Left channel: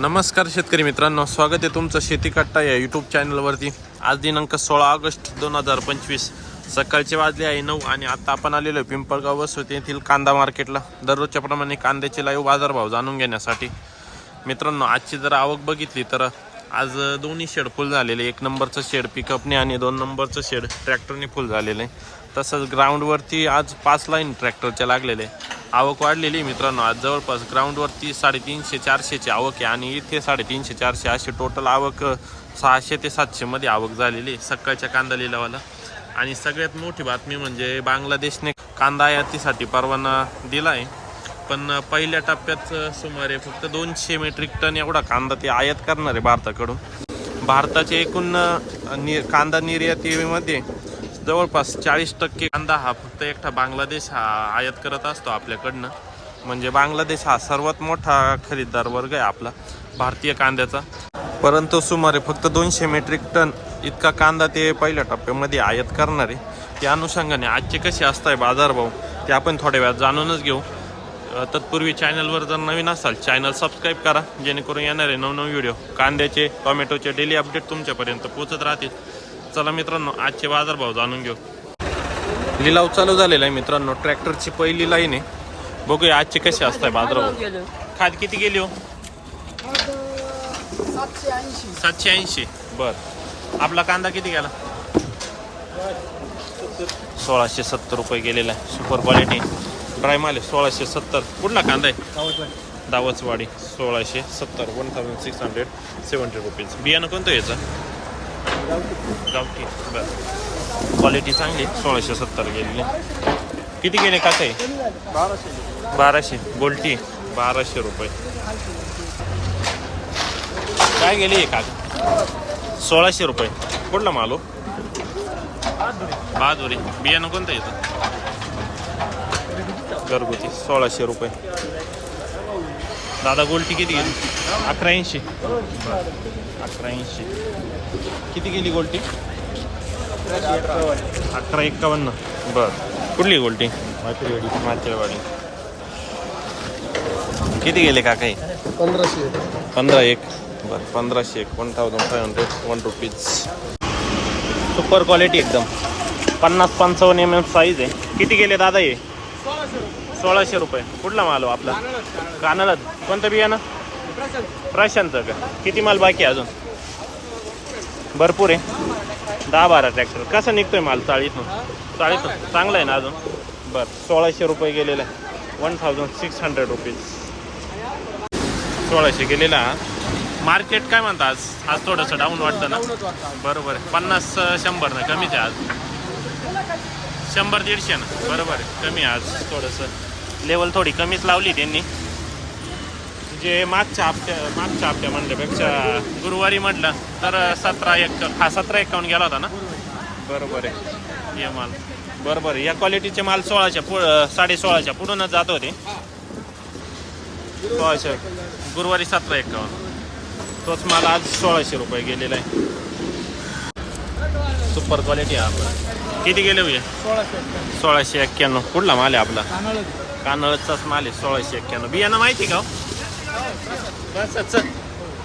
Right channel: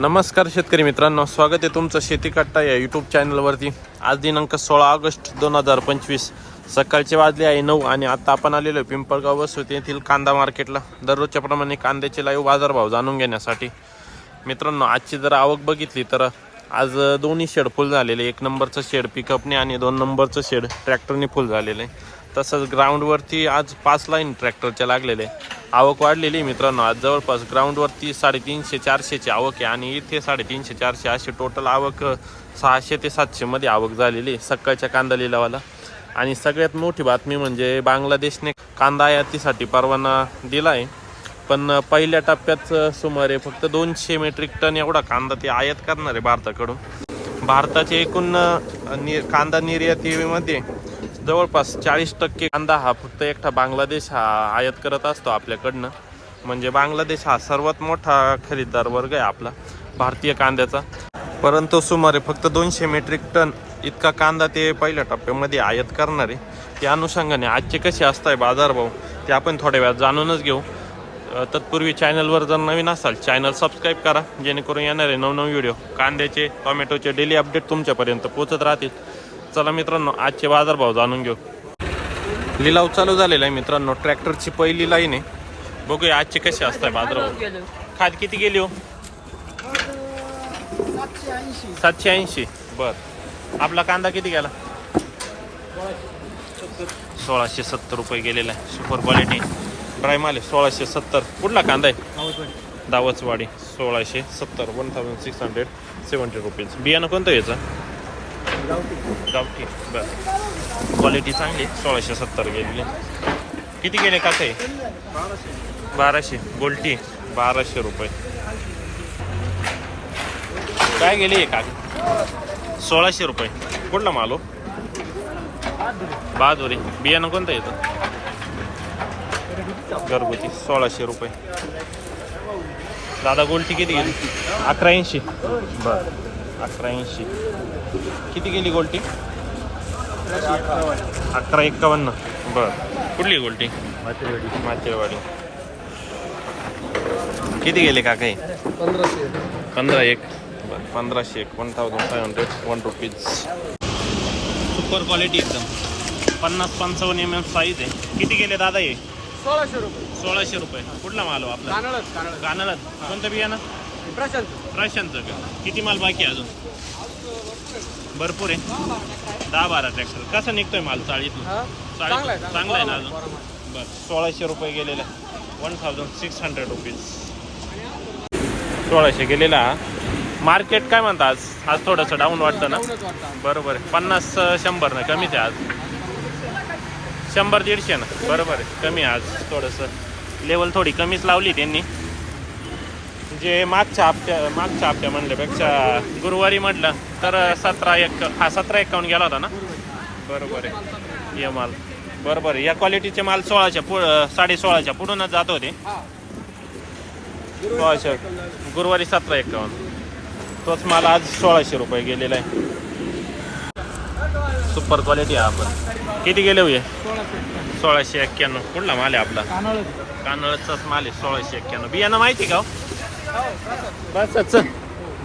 नमस्कार शेतकरी मित्रांनो स्वागत आहे तुमचं शेती कट्टा या यूट्यूब चॅनलवरती आज दिनांक सोळा ऑगस्ट दोन हजार पंचवीस. सकाळचे वाजले आहे नऊ आणि आता आपण आलेलो आहे पिंपळगाव वसुत येथील कांदा मार्केटला. दररोजच्या प्रमाणे कांद्याचे लाईव्ह बाजारभाव जाणून घेण्यासाठी. मित्रांनो आजची जर आवक बघितली तर आज दोन्ही शेड फुल झालेले एक नंबरचं शेड पिकअपने आणि दोन नंबरचं शेड ट्रॅक्टरने फुल झालेलं आहे. तसंच ग्राउंडवरती आज पाच लाईन ट्रॅक्टरच्या लागलेले आहे. आवक वाढलेली आहे मित्रांनो. आज जवळपास ग्राउंडवरती साडेतीनशे चारशेची आवक आहे आणि इथे साडेतीनशे चारशे अशी टोटल आवक सहाशे ते सातशेमध्ये आवक झालेली आहे सकाळच्या कांदा लिलावाला. आणि सगळ्यात मोठी बातमी म्हणजे बांगलादेशने कांदा आयातीसाठी परवाना दिला आहे. पण पहिल्या टप्प्यात सुमारे फक्त दोनशे मेट्रिक टन एवढा कांदा ते आयात करणार आहे भारताकडून. भारताचे एकूण नि कांदा निर्यातीमध्ये जवळपास चाळीस टक्के कांदा हा फक्त एकटा बांगलादेश हा आयात करत असतो आपल्याकडनं. म्हणजे बांगलादेश हा सर्वात मोठा खरीददार वर्ग आहे आपला भारतीय कांद्याचा. परंतु सुमारे फक्त दोनशे मेट्रिक टन इतका कांदा ते पहिल्या टप्प्यामध्ये आयात करणार. आहे त्या अनुषंगाने आजचे कसे असताय बाजारभाव ते आपण थोड्या वेळात जाणूनच घेऊ. तत्पूर्वी चॅनलवर जर नवीन असाल चॅनल सबस्क्राईब करा जेणेकरून येणारे नवनव व्हिडिओ कांद्याचे टोमॅटोचे डेली अपडेट तुमच्यापर्यंत पोहोचत राहतील. चला मित्रांनो आजचे बाजारभाव जाणून घेऊ. लिलाव चालू झालेला आहे मित्रांनो ट्रॅक्टरची पहिली लाईन आहे. बघूया आजचे कसे असताय बाजारभाव. खाद किती गेली हो? सातशे ऐंशी. बर. आपला कांदा किती गेला? सोळाशे सत्तर रुपये गेलेला आहे. Super quality. ड्राय माल आहे सोळाशे सत्तर. कुठला कांदा आहे? दावचवाडी सोळाशे सत्तर. One thousand six hundred seventy rupees बियाणं कोणतं याचं? गावठी बरं. क्वालिटी चांगली. सोळाशे सत्तर गेलेली. किती गेले काका? आहे बाराशे. गोल्टी. बाराशे रुपये. काय गेली काका? सोळाशे रुपये. कुठला मालो हो? बहादुरी. बियाणं कोणतं येतं घरगुती. सोळाशे रुपये. दादा गोल्टी किती गेली? अकरा ऐंशी बर. अकरा ऐंशी किती गेली गोल्टी? अकरा एक्कावन्न. बर. कुठली गोल्टी? माचेरवाडी किती गेले का काही पंधराशे पंधरा एक. बर पंधराशे एक. One thousand five hundred one rupees super quality एकदम. पन्नास पंचावन्न एम एम साईज आहे. किती गेले दादा हे? सोळाशे रुपये. कुठला माल हो आपला? कानाला कोणतं बियाणं? प्रशांतचं का? किती माल बाकी आहे अजून? भरपूर आहे. दहा बारा ट्रॅक्टर. कसं निघतोय माल चाळीतून? चाळीतून. चांगला आहे ना? अजून? बरं सोळाशे रुपये गेलेला. आहे one thousand six hundred rupees सोळाशे गेलेला. मार्केट काय म्हणता आज? आज थोडंसं डाऊन वाटतं ना? बरोबर आहे. पन्नास शंभर ना कमीच आहे आज. शंभर दीडशे ना? बरोबर आहे. कमी आज थोडंसं. लेवल थोडी कमीच लावली त्यांनी. जे मागच्या हप्त्या मागच्या हप्त्या म्हणल्यापेक्षा गुरुवारी म्हटलं तर सतरा एक हा सतरा एकावन्न गेला होता ना? बरोबर आहे. हे माल. बरोबर या क्वालिटीचे माल सोळाच्या पु साडे सोळाच्या पुढूनच जात होते. सोळाशे. गुरुवारी सतरा एकावन्न. तोच माल आज सोळाशे रुपये गेलेला आहे. सुपर क्वालिटी आहे आपण किती गेले होय? सोळाशे सोळाशे एक्क्याण्णव. कुठला माल आहे आपला? कानाळ. कानळचाच माल आहे सोळाशे एक्क्याण्णव. बियाणं माहिती का बसच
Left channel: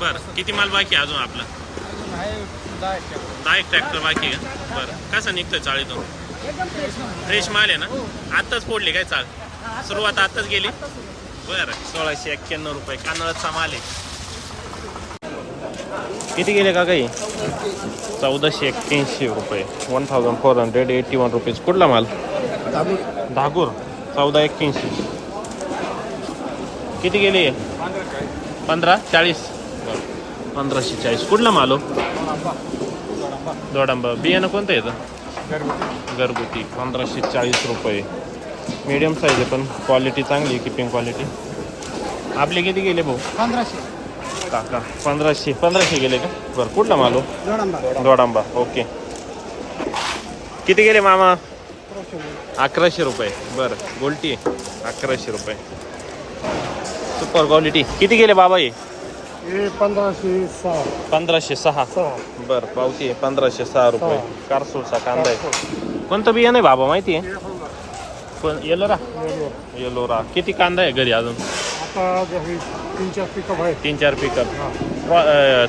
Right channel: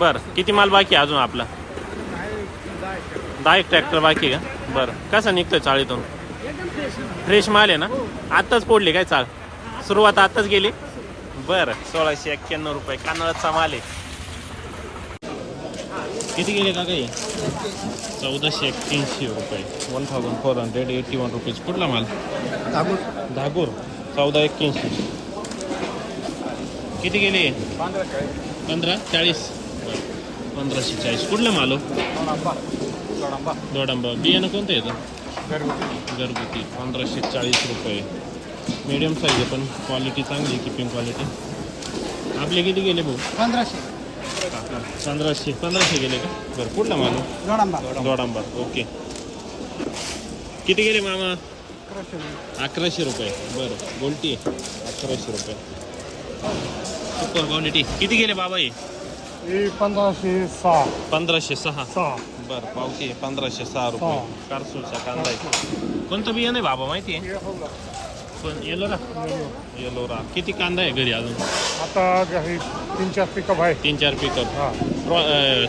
बर किती माल बाकी आहे अजून आपला? दहा एक ट्रॅक्टर बाकी का? बरं कसं निघतोय चाळीतून फ्रेश माल आहे ना? आत्ताच पोडली काय चाळ? सुरुवात आत्ताच गेली? बरं सोळाशे एक्क्याण्णव रुपये. कानळचा माल आहे. किती गेले का काही चौदाशे एक्क्याऐंशी रुपये. One thousand four hundred eighty one rupees कुठला माल? धागूर. चौदा एक्क्याऐंशी. किती गेली? पंधरा चाळीस. पंधराशे चाळीस. कुठला मालो दोडांबा. बियाणं कोणतं येतं घरगुती. पंधराशे चाळीस रुपये. मीडियम साईज आहे पण क्वालिटी चांगली आहे किपिंग क्वालिटी आपले किती गेले भाऊ? पंधराशे. काका पंधराशे. पंधराशे गेले का? बरं कुठला मालो दोडांबा. ओके. किती गेले मामा? अकराशे. रुपये. बरं गोल्टी अकराशे रुपये. Super quality. किती गेले बाबा हे? पंधराशे सहा. पंधराशे सहा. बरं क्वालिटी आहे पंधराशे सहा रुपये. कारसूरचा कांदा आहे. कोणतं बियाणं आहे बाबा माहिती आहे? पण येलोरा येलोरा किती कांदा आहे घरी अजून? आता घरी तीन चार पिकअप आहेत. तीन चार पिकअप.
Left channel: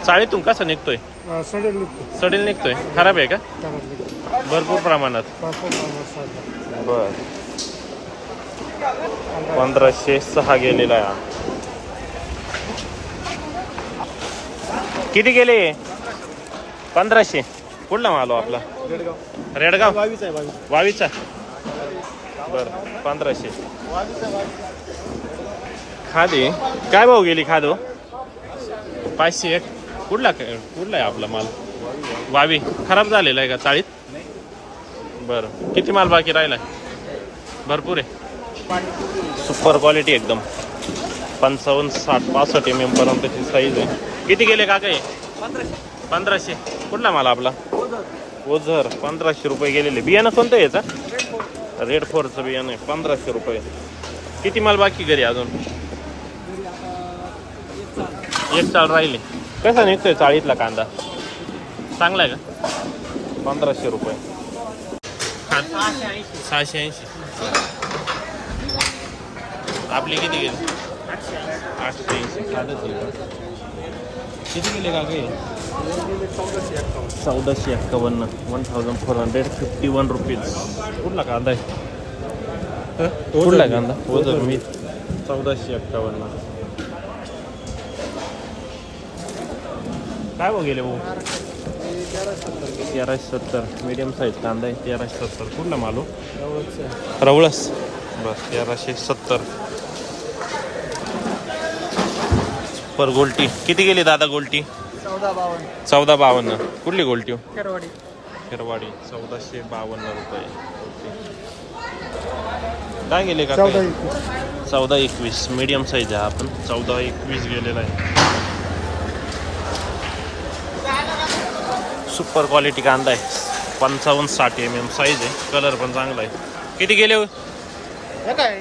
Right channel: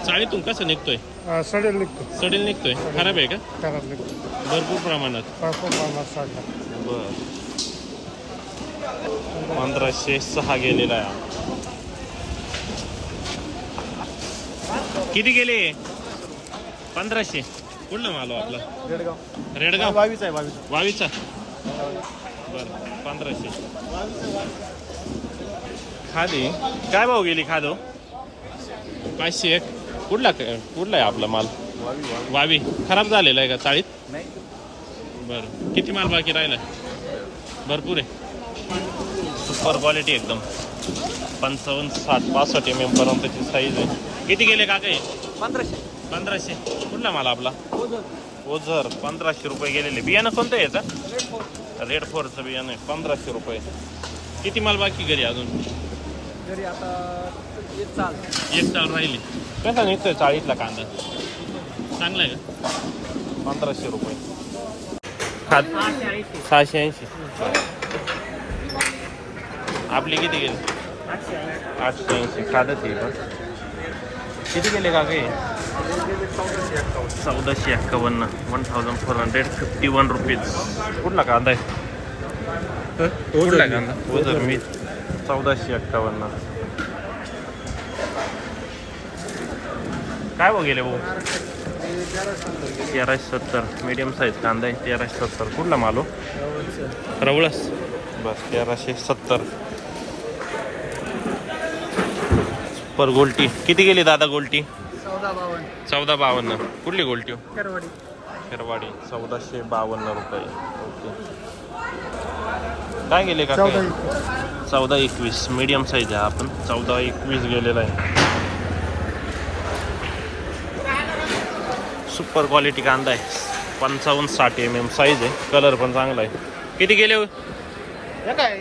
चाळीतून कसं निघतोय? सडेल निघतो. सडेल निघतोय. खराब आहे का? भरपूर प्रमाणात. बर. पंधराशे सहा गेलेला आहे किती गेले? पंधराशे. कुठला मालो हो आपला? रेडगाव. वावीचा. बर पंधराशे. खादी. काय भाऊ गेली खादो हो? पाचशे एक. कुठला कुठला आहे आपला माल? वावी. खराब झालेला आहे का चाळीत? बरं. किती माल बाकी राहिला भरपूर आहे. सुपर क्वालिटी एकदम. पंचावन्न साठ पासष्ट एम एम पर्यंतची साईज आहे. किती गेले का काय पंधराशे. कुठला माल आपला? ओझर. पंधराशे रुपये गेलेले. बियाणं कोणतं आहे याचा? रेड फोरचं बियाणं आहे. पंधराशे रुपये. किती माल बाकी घरी अजून? एक चाल राहिले. कसा निघतोय चाळीतला कांदा? चांगला आहे का? पंधराशे रुपये. सहाशे ऐंशी. आपली किती गेली? आठशे ऐंशी साधच आहे का? किती गेले का काही चौदाशे एक्कावन्न one thousand four hundred fifty one rupees कुठला कांदा आहे? कुठला कांदा? ओझर मी चौदाशे एक्कावन्न. काय भाऊ गेले भाऊ? तेराशे सत्तर. मीडियम साईज कांदा आहे तेराशे सत्तर. कुठला मालो रवळस. बर तेराशे सत्तर. पर गोल्टी. किती गेली दादा गोल्टी? चौदा बावन्न. कुठली गोल्टी केरवाडी हिरवाडी चौदाशे बावन्न रुपये. ओके. काय गेले का चौदा एकवीस. मीडियम साईज आहे आपण. चौदा एकवीस गेलेला आहे. सुपर क्वालिटी कांदा आहे. पंचावन्न साठ एम एम साईज आहे. कलर पण चांगला आहे. किती गेले हो?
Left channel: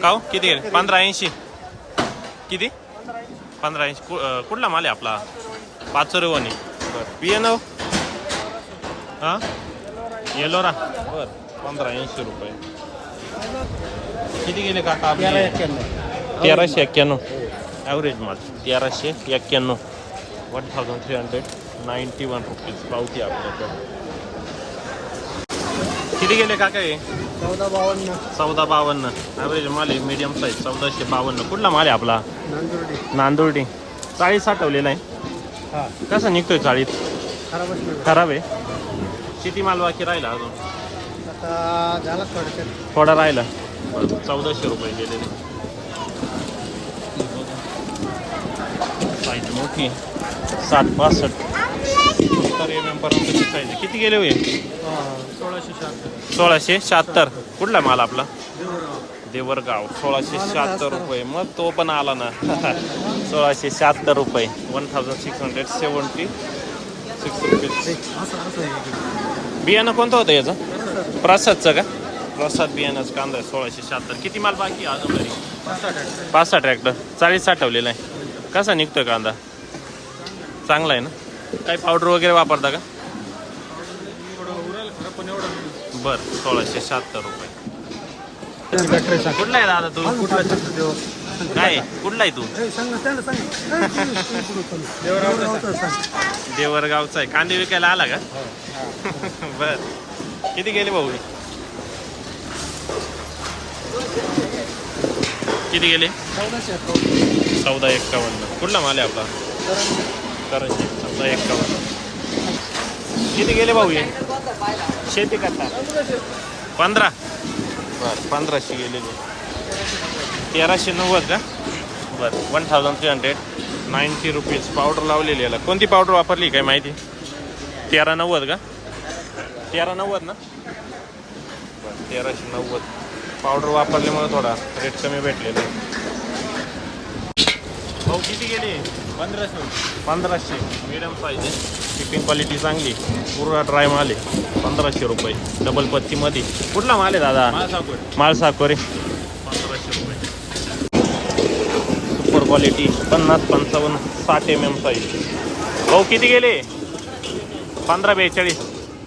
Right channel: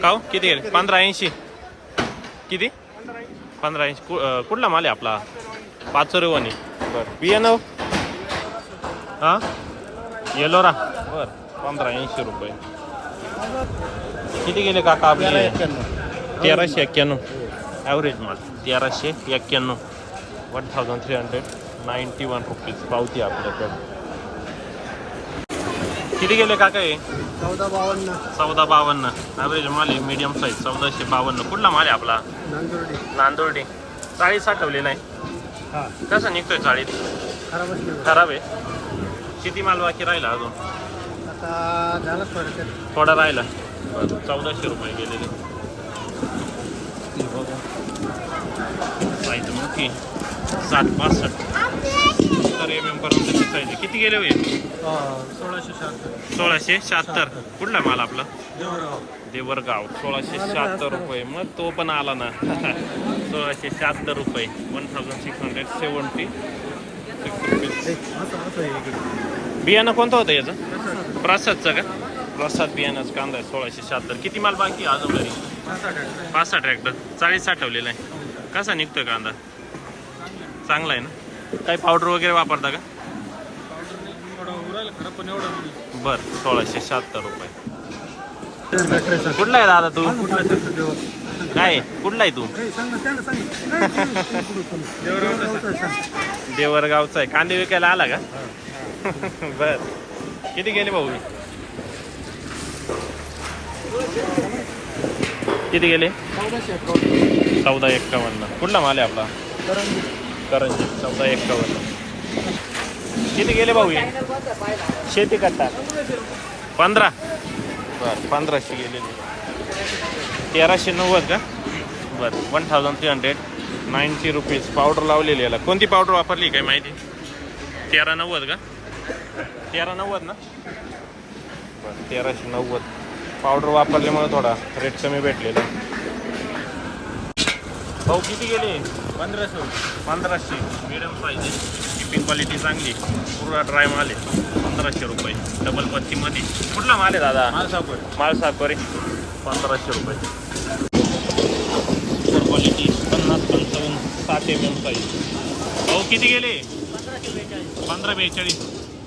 का हो? किती गेले? पंधरा ऐंशी. किती? पंधरा ऐंशी कु- अं, कुठला माल आहे आपला? पाचोरेवानी. बरं. बियाणं हां? येलोरा. बरं. पंधरा ऐंशी रुपये. किती गेले काका आपले? तेराशे एक्क्याण्णव. ॲव्हरेज माल. तेराशे एक्क्याण्णव. One thousand three hundred ninety one rupees पावती आपल्याकडे. किती गेले काका हे? चौदा बावन्न. चौदा बावन्न. ॲव्हरेज माल आहे मीडियम साईज चौदाशे बावन्न. कुठला माल आहे आपला? नांदुर्डी. नांदुर्डी. चाळीस साठवलेला आहे. हा. कसं निघतोय चाळीस? खराबच नाही खराब आहे. किती माल बाकी राहिला अजून? झाला थोडक्यात. थोडा राहिला. चौदाशे रुपये गेलेले. साईज मोठी. साठ पासष्ट पर्यंतची साईज आहे. किती गेले होईल सोळाशे शहात्तर. सोळाशे शहात्तर. कुठला माल आपला? देवरगाव. सोळाशे शहात्तर रुपये. मग तो पण आला ना. सोळाशे शहात्तर रुपये. One thousand six hundred seventy six आहे बियाणं कोणतं होतं याचं? प्रसादचं का? प्रसाद बियाणाचं कांदा आहे. सोळाशे शहात्तर. किती माल बाकी अजून घरी पाच सहा ट्रॅक्टर. चाळीस साठवलेला आहे. कसा निघतोय कांदा? चांगला आहे ना? काही पावडर वगैरे वापरता का? बरं सोळाशे शहात्तर रुपये. कुठला आहे दादा तू? काय कुठला आहे तू? देवरगावचा आहे. कांदे विकायला आला का? बर. किती गेले भाऊ? किती गेले? चौदाशे चौदा एक्कावन्न कुठला माल आहे आपला? करंजी चौदा एक्कावन्न किती गेले भाऊ हे? शेती करता. पंधरा. बर पंधराशे गेलेले तेराशे नव्वद का? बरं one thousand three hundred ninety rupees powder लावलेली याला. कोणती पावडर वापरली काय माहिती? तेरा नव्वद का? तेरा नव्वद ना? बरं तेराशे नव्वद. पावडर वापरल्यामुळे थोडा रेट कमी भेटलेला भाऊ किती गेले? पंधराशे पंधराशे मिडियम साईज शिपिंग क्वालिटी चांगली पूर्ण ड्राय माल आहे. पंधराशे रुपये. डबल पत्तीमध्ये कुठला माल आहे दादा? माल सापड माल साकोरे पंधराशे रुपये. सुपर क्वालिटी पन्नास पंचावन्न साठ एम एम साईज भाऊ किती गेले? पंधरा बेचाळीस.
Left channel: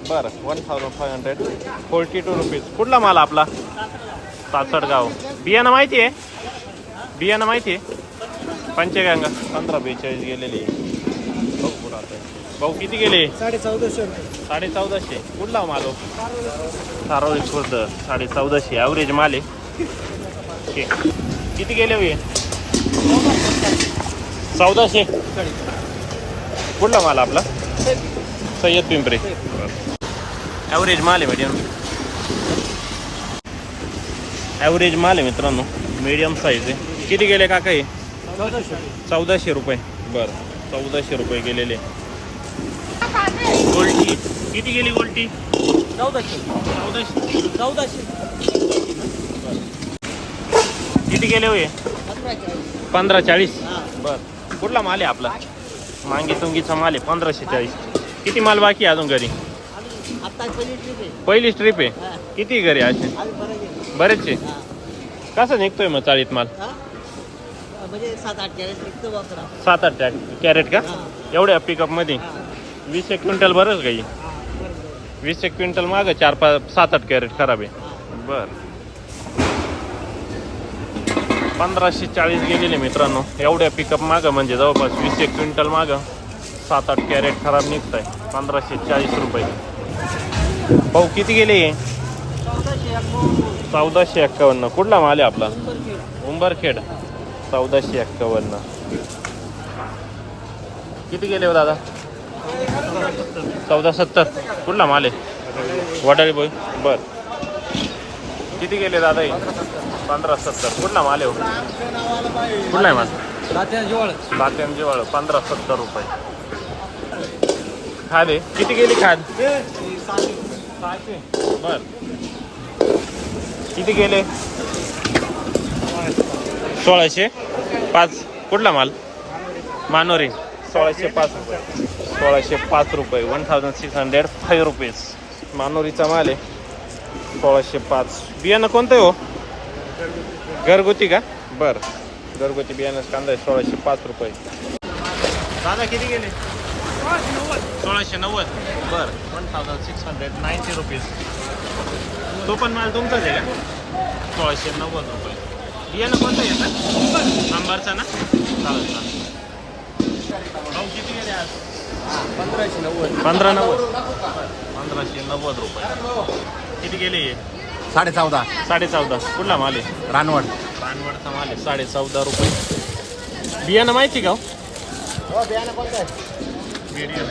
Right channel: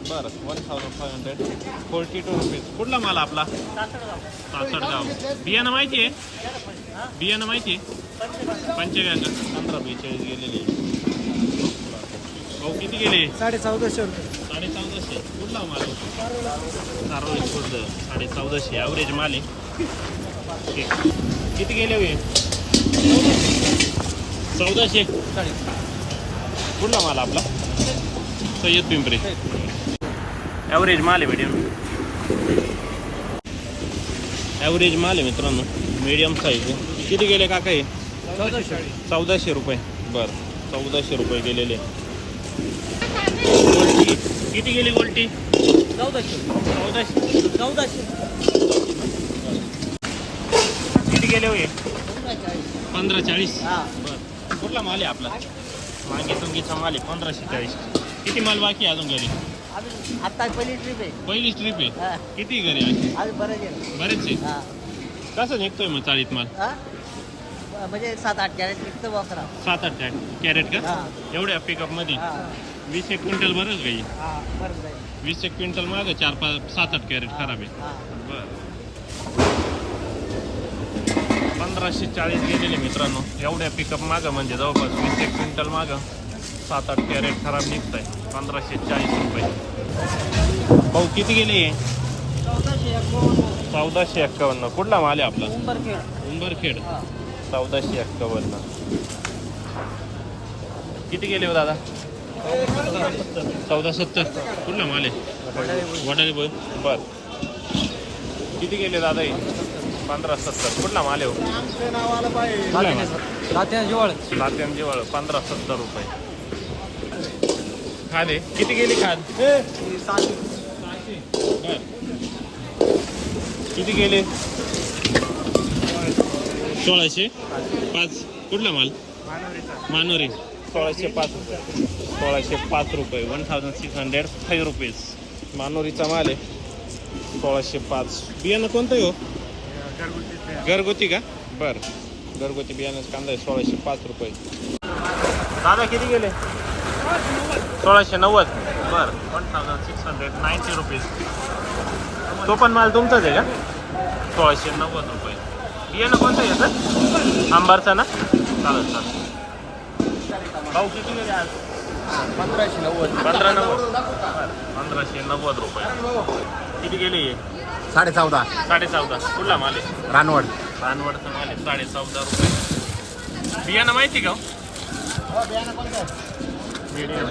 बरं. One thousand five hundred forty two rupees कुठला माल आपला? सासडगाव बियाणं माहिती आहे? बियाणं माहिती आहे? पंचगंगा. पंधरा बेचाळीस गेलेले. भाऊ किती गेले? साडे चौदाशे रुपये साडे चौदाशे कुठला मालो? सारोळी खुर्द साडे चौदाशे ॲव्हरेज माल आहे. किती गेले हो हे चौदाशे कुठला माल आपला? सय्यद पिंपरे. ॲव्हरेज माल आहे मीडियम ॲव्हरेज माल आहे मित्रांनो. मीडियम साईज आहे. किती गेले काका हे? चौदाशे चौदाशे रुपये. बरं चौदाशे रुपये गेलेले. गोल्टी किती गेली गोल्टी चौदाशे. चौदाशे. चौदाशे. किती गेले होय? पंधरा चाळीस. हा. बर. कुठला माल आहे आपला? मांगी तुंगीचा माल आहे पंधराशे चाळीस. किती माल बाकी आहे अजून घरी? आता पहिली ट्रिप आहे. पहिली ट्रिप आहे? किती घरी असे? बरेचसे? हा. कसं निघतोय मग चाळीत माल? हा? म्हणजे सात आठ कॅरेट वापरा. सात आठ कॅरेट. का? हा. एवढ्या पिकअपमध्ये हा. वीस एक क्विंटल बरंच काही. हा बरोबर आहे. वीस एक क्विंटल माग चार पाच सात आठ कॅरेट खराब आहे. हा. बर. पंधराशे चाळीस गेलेले मित्रांनो. एवढ्या पिकअप मागं म्हणजे जवळपास वीस एक क्विंटल मागं सात आठ कॅरेट खराब निघत आहे पंधराशे चाळीस रुपये. भाऊ किती गेले हे? चौदाशे चौदाशे एक्कावन्न. कुठला माल आहे आपला? उंबरखेड. चौदाशे एक्कावन्न किती गेले हो दादा? चौदा सत्तर. कुठला माल आहे? वडाळी बोल. बर. किती गेले दादा? पंधरा सत्तर. कुठला माल आहे हो? आहे माल? वाळ पंधरा सत्तर रुपये. खाले किती गेली खाद सहाशे बर. किती गेले? सोळाशे पाच. कुठला माल? मानोरी. सोळाशे पाच सोळाशे पाच रुपये. One thousand six hundred five rupees मानोरीचा माल आहे. सोळाशे पाच. बियाणं कोणतं आहे हो? घरगुती का? बर. घरगुती बियाणं कांदा आहे. सोळाशे पाच रुपये. दादा किती गेले? सोळाशे नव्वद. बर. One thousand six hundred ninety rupees तो पण माल तुमचाच आहे का? सोळाशे नव्वद रुपये. बियाणं कोणतं येतं आंबारचा ना? चालेल चालेल. भाऊ किती गेले आज? पंधराशे नव्वद. पंधरा नव्वद. बरं. पंधराशे नव्वद रुपये. किती गेले हे? साडे चौदा साडे चौदा तुला माल आहे? रानवड. रानवडचा माल आहे. साडे चौदा रुपये. बियाणं माहिती का मीडियम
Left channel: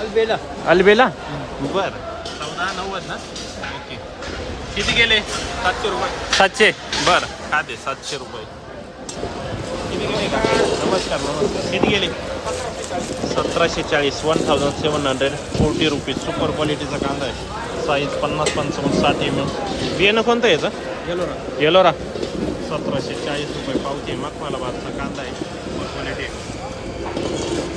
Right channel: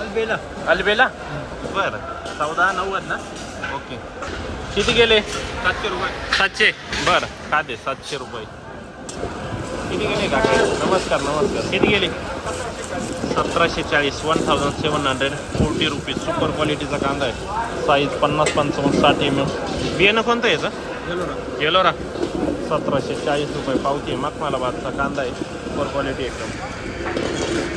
अलबेला. अलबेला? बरं. चौदा नव्वद ना? ओके. किती गेले? सातशे रुपये. सातशे? बरं. खाते सातशे रुपये. किती गेले काका नमस्कार नमस्कार. किती गेले? सतराशे चाळीस one thousand seven hundred. Forty rupees. Super क्वालिटीचा कांदा आहे. साईज पन्नास पंचावन्न साठ एम एम बियाणं कोणतं याचं? गेलो ना येलोरा सतराशे चाळीस रुपये पावती मग मला बादचा कांदा आहे. सुपर क्वालिटी आहे.